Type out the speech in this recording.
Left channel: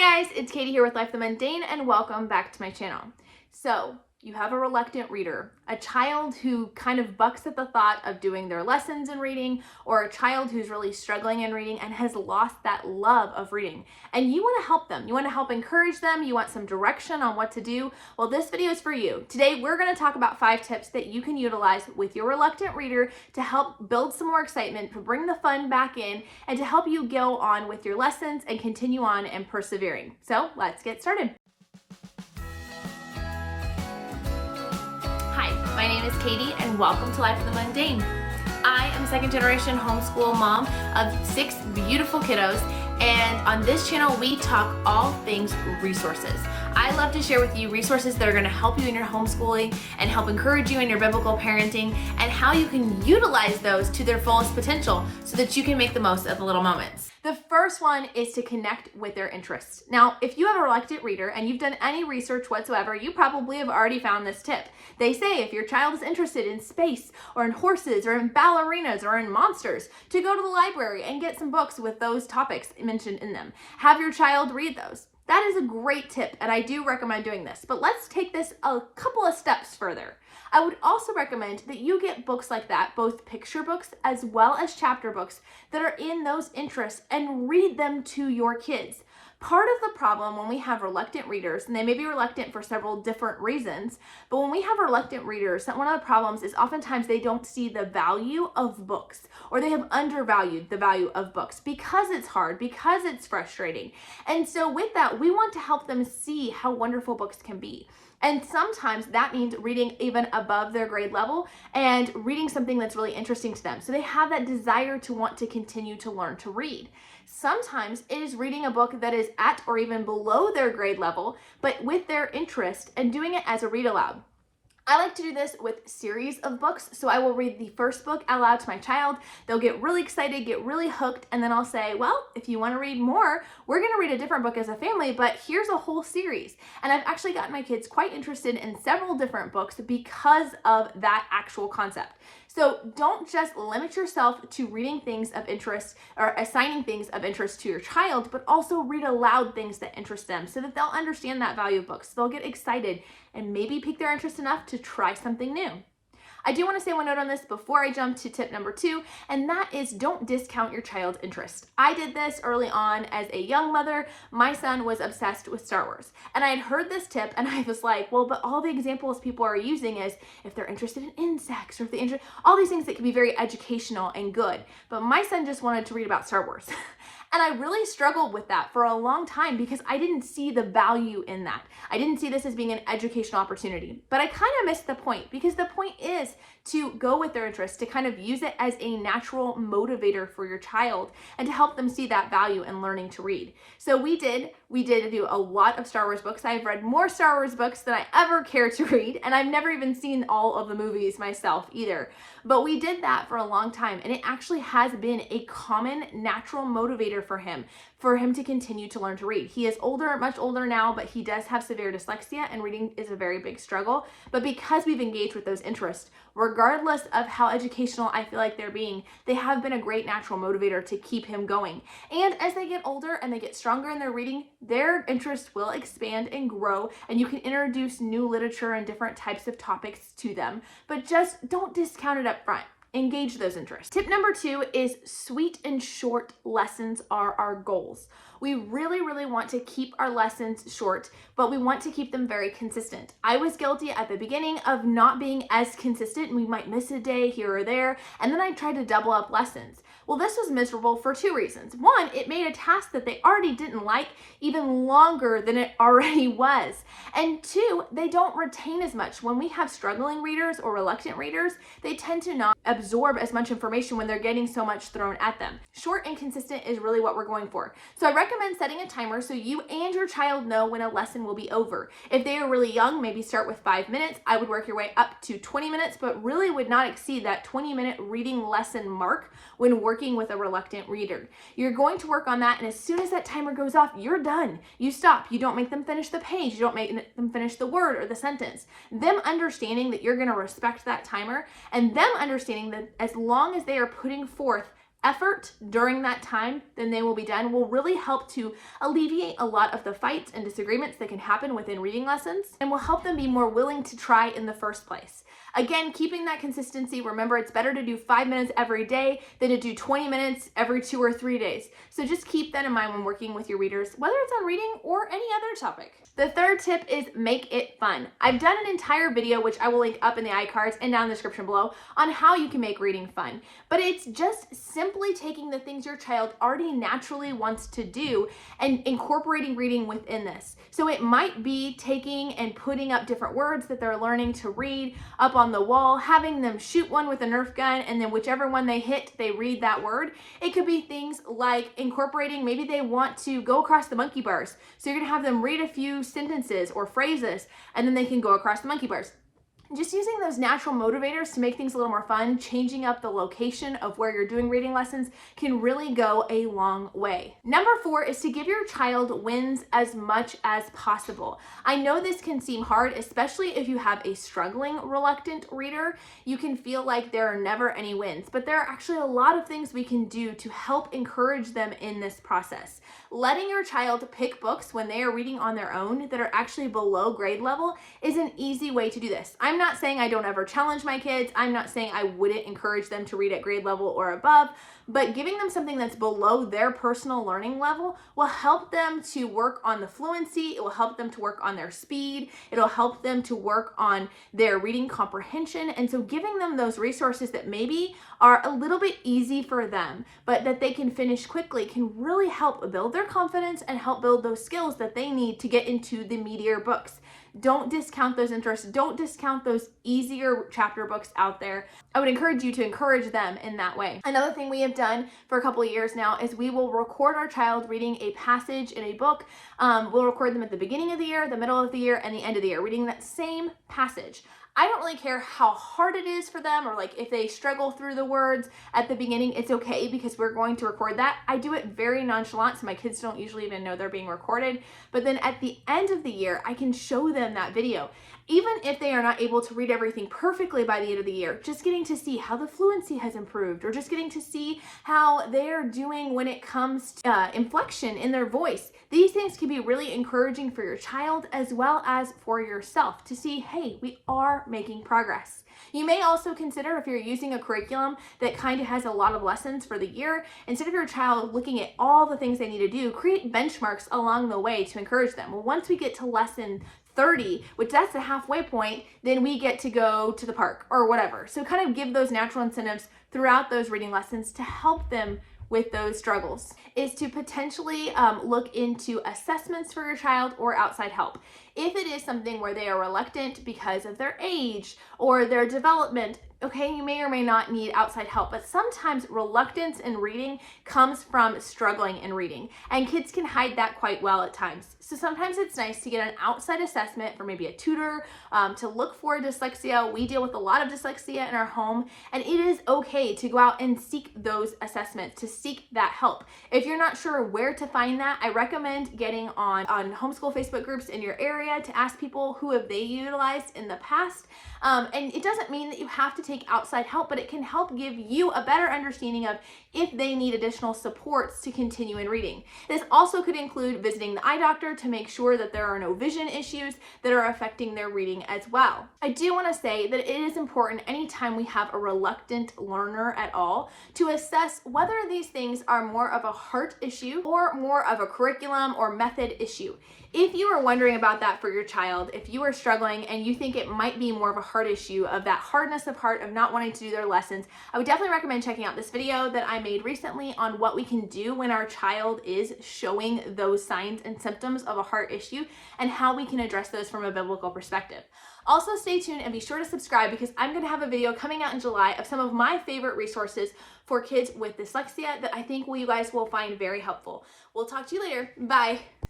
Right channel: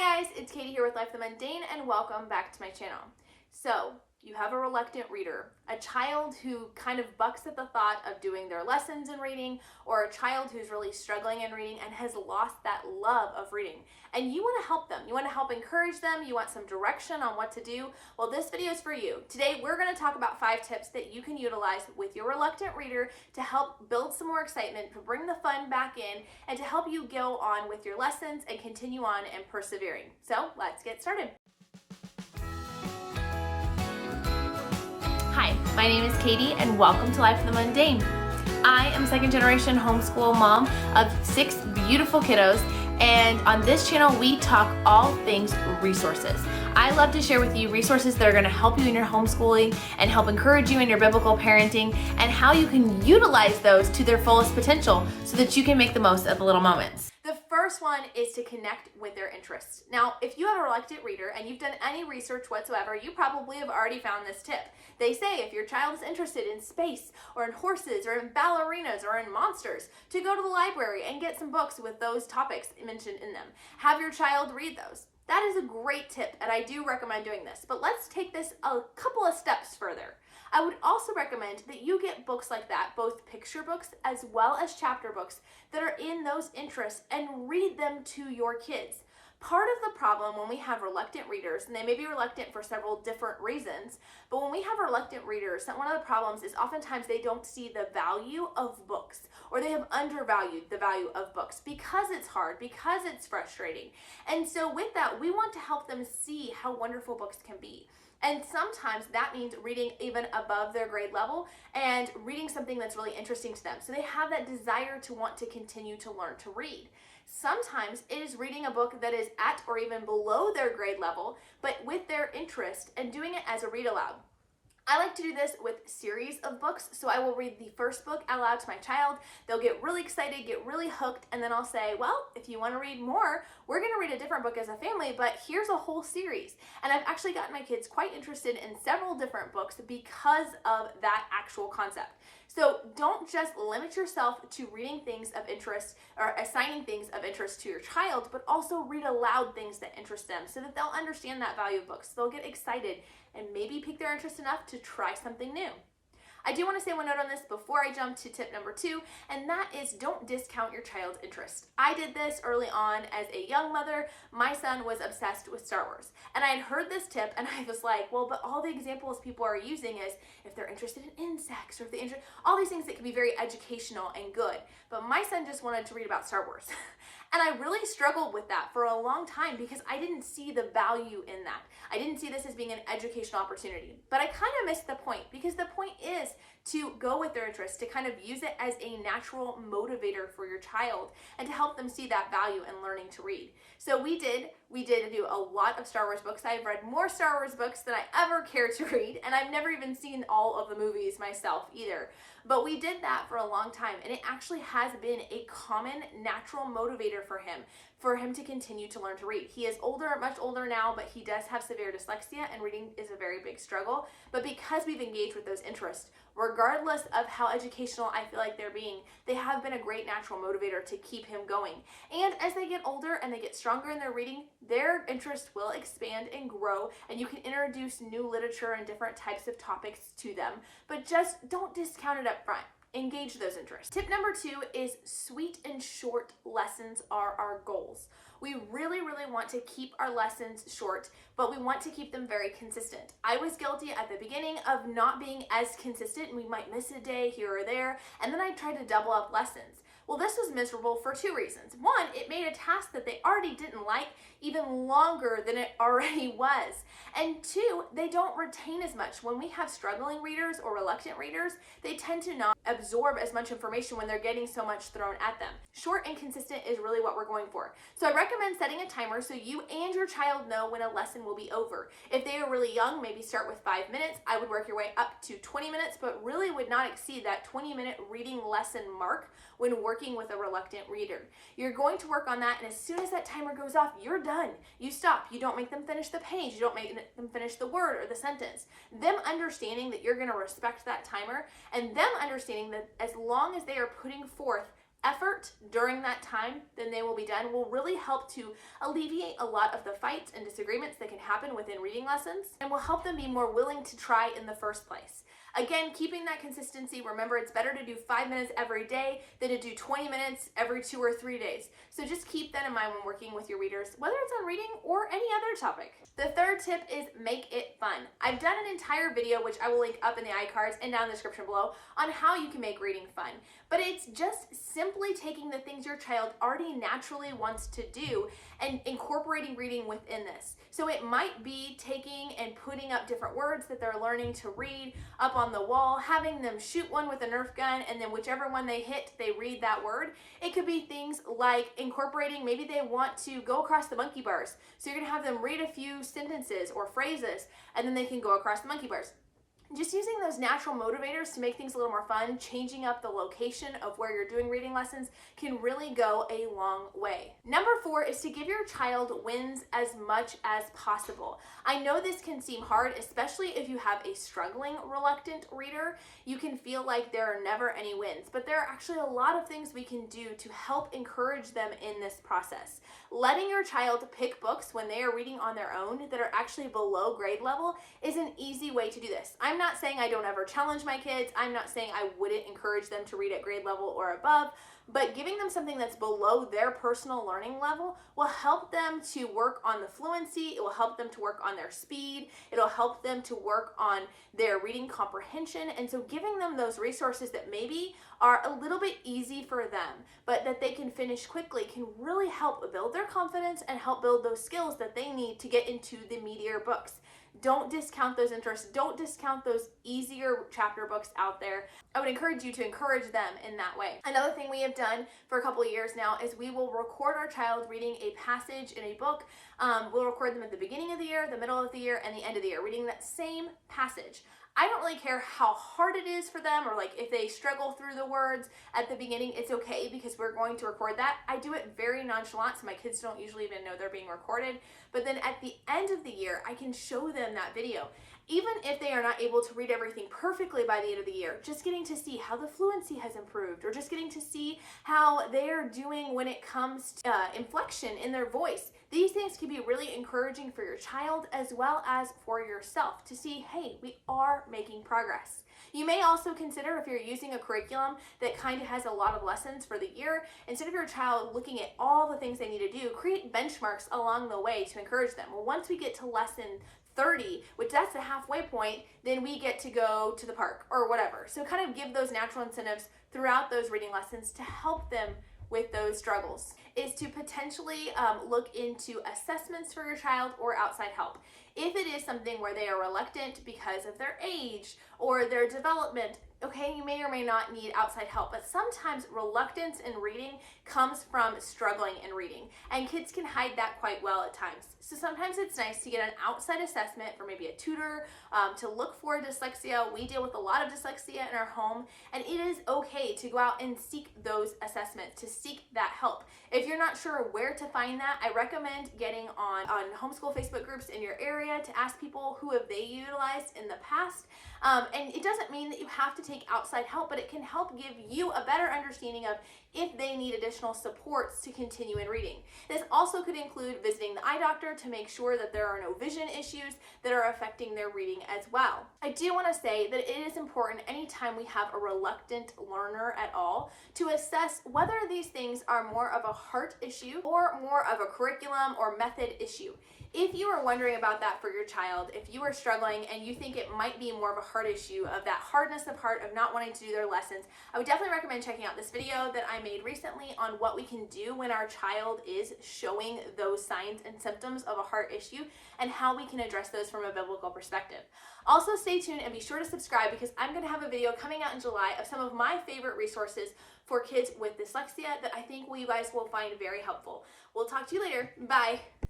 Hi guys, it's Katie here with Life the Mundane and welcome back to my channel. So, you have a reluctant reader, a child who kind of bucks at the thought of doing their lessons in reading, or a child who's really struggling in reading and has lost that love of reading. And you want to help them. You want to help encourage them. You want some direction on what to do. Well, this video is for you. Today, we're going to talk about 5 tips that you can utilize with your reluctant reader to help build some more excitement, to bring the fun back in, and to help you go on with your lessons and continue on and persevering. So let's get started. Hi, my name is Katie and welcome to Life in the Mundane. I am a second generation homeschool mom of 6 beautiful kiddos, and on this channel we talk all things resources. I love to share with you resources that are going to help you in your homeschooling and help encourage you in your biblical parenting and how you can utilize those to their fullest potential so that you can make the most of the little moments. The first one is to connect with their interests. Now, if you have a reluctant reader and you've done any research whatsoever, you probably have already found this tip. They say if your child is interested in space or in horses or in ballerinas or in monsters, to go to the library and get some books with those topics mentioned in them. Have your child read those. That is a great tip, and I do recommend doing this. But let's take this a couple of steps further. I would also recommend that you get books like that, both picture books as well as chapter books that are in those interests, and read them to your kids. Part of the problem when we have reluctant readers, and they may be reluctant for several different reasons, but when we have reluctant readers, one of the problems is oftentimes they don't see the value of books, or they have undervalued the value of books because it's hard, because it's frustrating. And so with that, we want to help them see how wonderful books can be. And sometimes that means reading even above their grade level and reading something that's really interesting to them. So they have that desire to want to continue to learn to read. Sometimes it is reading a book that is at or even below their grade level, but with their interest, and doing it as a read aloud. I like to do this with series of books, so I will read the first book out loud to my child. They'll get really excited, get really hooked, and then I'll say, well, if you want to read more, we're going to read a different book as a family, but here's a whole series. And I've actually gotten my kids quite interested in several different books because of that actual concept. So don't just limit yourself to reading things of interest or assigning things of interest to your child, but also read aloud things that interest them so that they'll understand that value of books. They'll get excited and maybe pique their interest enough to try something new. I do want to say one note on this before I jump to tip number 2, and that is don't discount your child's interest. I did this early on as a young mother. My son was obsessed with Star Wars, and I had heard this tip, and I was like, well, but all the examples people are using is if they're interested in insects, or if they all these things that can be very educational and good. But my son just wanted to read about Star Wars. And I really struggled with that for a long time because I didn't see the value in that. I didn't see this as being an educational opportunity. But I kind of missed the point, because the point is to go with their interests, to kind of use it as a natural motivator for your child and to help them see that value in learning to read. So we did do a lot of Star Wars books. I've read more Star Wars books than I ever care to read, and I've never even seen all of the movies myself either. But we did that for a long time, and it actually has been a common natural motivator for him to continue to learn to read. He is older, much older now, but he does have severe dyslexia, and reading is a very big struggle. But because we've engaged with those interests, regardless of how educational I feel like they're being, they have been a great natural motivator to keep him going. And as they get older and they get stronger in their reading, their interest will expand and grow, and you can introduce new literature and different types of topics to them. But just don't discount it up front. Engage those interests. Tip number 2 is sweet and short lessons are our goals. We really want to keep our lessons short, but we want to keep them very consistent. I was guilty at the beginning of not being as consistent. We might miss a day here or there, and then I tried to double up lessons. Well, this was miserable for 2 reasons. 1, it made a task that they already didn't like even longer than it already was. And 2, they don't retain as much. When we have struggling readers or reluctant readers, they tend to not absorb as much information when they're getting so much thrown at them. Short and consistent is really what we're going for. So I recommend setting a timer so you and your child know when a lesson will be over. If they are really young, maybe start with 5 minutes. I would work your way up to 20 minutes, but really would not exceed that 20-minute reading lesson mark when working with a reluctant reader. You're going to work on that, and as soon as that timer goes off, you're done. You stop. You don't make them finish the page. You don't make them finish the word or the sentence. Them understanding that you're going to respect that timer, and them understanding that as long as they are putting forth effort during that time, then they will be done, will really help to alleviate a lot of the fights and disagreements that can happen within reading lessons, and will help them be more willing to try in the first place. Again, keeping that consistency. Remember, it's better to do 5 minutes every day than to do 20 minutes every 2 or 3 days. So just keep that in mind when working with your readers, whether it's on reading or any other topic. The third tip is make it fun. I've done an entire video, which I will link up in the iCards and down in the description below, on how you can make reading fun. But it's just simply taking the things your child already naturally wants to do and incorporating reading within this. So it might be taking and putting up different words that they're learning to read up on the wall, having them shoot one with a Nerf gun, and then whichever one they hit, they read that word. It could be things like incorporating, maybe they want to go across the monkey bars. So you're gonna have them read a few sentences or phrases, and then they can go across the monkey bars. Just using those natural motivators to make things a little more fun, changing up the location of where you're doing reading lessons can really go a long way. Number 4 is to give your child wins as much as possible. I know this can seem hard, especially if you have a struggling, reluctant reader. You can feel like there are never any wins, but there are actually a lot of things we can do to help encourage them in this process. Letting your child pick books when they are reading on their own that are actually below grade level is an easy way to do this. I'm not saying I don't ever challenge my kids. I'm not saying I wouldn't encourage them to read at grade level or above, but giving them something that's below their personal learning level will help them to work on the fluency. It will help them to work on their speed. It'll help them to work on their reading comprehension. And so giving them those resources that maybe are a little bit easy for them, but that they can finish quickly, can really help build their confidence and help build those skills that they need to get into the meatier books. Don't discount those interests. Don't discount those easier chapter books out there. I would encourage you to encourage them in that way. Another thing we have done for a couple of years now is we will record our child reading a passage in a book. We'll record them at the beginning of the year, the middle of the year, and the end of the year, reading that same passage. I don't really care how hard it is for them, or like if they struggle through the words at the beginning, it's okay because we're going to record that. I do it very nonchalant, so my kids don't usually even know they're being recorded. But then at the end of the year, I can show them that video. Even if they are not able to read everything perfectly by the end of the year, just getting to see how the fluency has improved, or just getting to see how they are doing when it comes to inflection in their voice. These things can be really encouraging for your child as well as for yourself to see, hey, we are making progress. You may also consider, if you're using a curriculum that kind of has a lot of lessons for the year, instead of your child looking at all the things they need to do, create benchmarks along the way to encourage them. Well, once we get to lesson 30, which that's the halfway point, then we get to go to the park or whatever. So kind of give those natural incentives throughout those reading lessons to help them with those struggles. Is to potentially look into assessments for your child or outside help. If it is something where they are reluctant because of their age or their development, okay, you may or may not need outside help, but sometimes reluctance in reading comes from struggling in reading, and kids can hide that quite well at times. So sometimes it's nice to get an outside assessment for maybe a tutor to look for dyslexia. We deal with a lot of dyslexia in our home, and it is okay to go out and seek those assessments, to seek that help. If you're not sure where to find that, I recommend getting on homeschool Facebook groups in your area to ask people who have they utilized in the past. And it doesn't mean that you have to take outside help, but it can help give you a better understanding of if they need additional supports to continue in reading. This also could include visiting the eye doctor to make sure that there are no vision issues that are affecting their reading as well. I do want to say that it is important anytime we have a reluctant learner at all to assess whether these things are more of a heart issue or more of a curriculum or method issue. If you are wondering about that for your child, if you are struggling and you think it might be more of a heart issue, of that hardness of heart of not wanting to do their lessons, I would definitely recommend checking out this video that I made recently on what we can do when our child is showing those signs and symptoms of a heart issue and how we can address those from a biblical perspective. Also, stay tuned and be sure to subscribe because I'm going to have a video coming out in July of some of my favorite resources for kids with dyslexia that I think you guys will find very helpful. We'll talk to you later. Bye.